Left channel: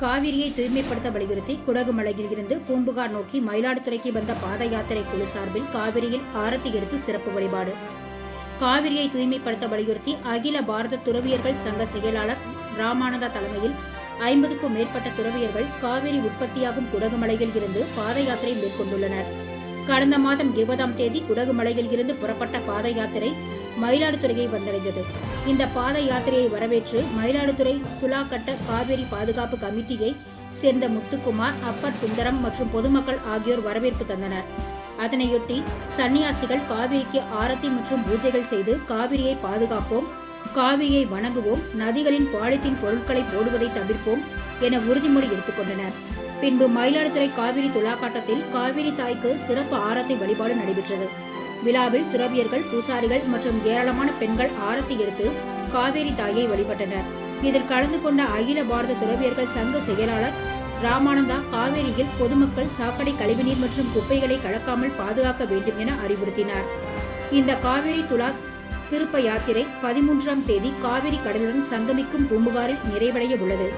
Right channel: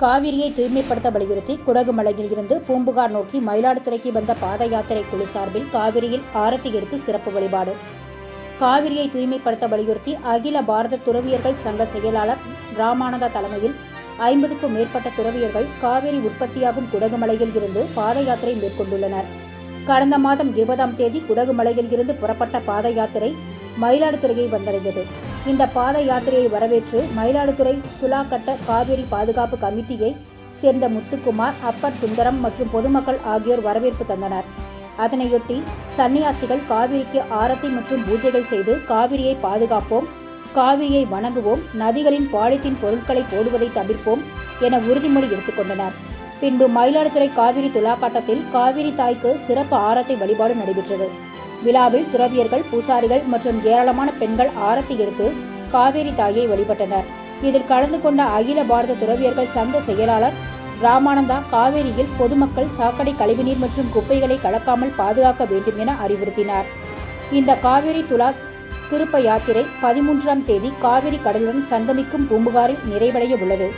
காவிரியை தூய்மைப்படுத்த வலியுறுத்தி குடகுமலையில் இருந்து பூம்புகார் நோக்கி மயிலாடுதுறைக்கு வந்த பாத யாத்திரை குழு சார்பில் காவிரியில் ஆரத்தி எடுத்து சிறப்பு வழிபாடு. காவிரியை தூய்மைப்படுத்த வலியுறுத்தி அகில பாரத துறவியர்கள் சங்க செயலாளர் ராமானந்தா தலைமையில் 50க்கும் மேற்பட்ட துறவியர்கள் காவிரி உற்பத்தியாகும் குடகுமலையில் இருந்து பாத யாத்திரை மேற்கொண்டுள்ளனர். கடந்த மாதம் 20ஆம் தேதி குடகுமலையில் இருந்து புறப்பட்ட பாத யாத்திரை மயிலாடுதுறையை வந்தடைந்தது. இந்த பாத யாத்திரையை வரவேற்று மயிலாடுதுறை துலாக்கட்ட காவிரி பாதுகாப்பு கமிட்டியை சேர்ந்த முத்துக்குமார், அப்பர் சுந்தரம் மற்றும் பொதுமக்கள் ஆகியோர் வரவேற்பு தந்தனர். அதனையொட்டி சன்னியாசிகள் காவிரிக்கு ஆரத்தி மற்றும் பூஜைகள் செய்து காவிரியை பாதுகாப்போம், காவிரியை வணங்குவோம், நதிகளின் பாலித்தீன் பொருட்களை போடுவதை தவிர்ப்போம் என உறுதிமொழி எடுத்துக்கொண்டனர். பின்பு மயிலாடுதுறை காவிரி துலாக்காட்டத்தில் காவிரி தாய்க்கு சிறப்பு ஆரத்தி வழிபாடு நடைபெற்றது. விழாவில் துறவியர்கள், பூசாரிகள் மற்றும் ஏராளமான பெண்கள் ஆரத்தி எடுத்து காவிரி தாயை வழிபட்டனர். இதில் கலந்து கொண்ட அகில பாரத துறவியர்கள் சங்க செயலாளர் ராமானந்தா காவிரியில் பொதுமக்கள் சாக்கடை கழிவுநீர் மற்றும் குப்பைகளை கலக்காமல் பாதுகாக்க வேண்டும் என அறிவுறுத்தினார். இந்த காவிரி துலா திருப்ப யாத்திரை 13ஆம் தேதி காவிரி கடலுடன் சங்கமிக்கும் பூம்புகாரில் நிறைவடைய உள்ளது.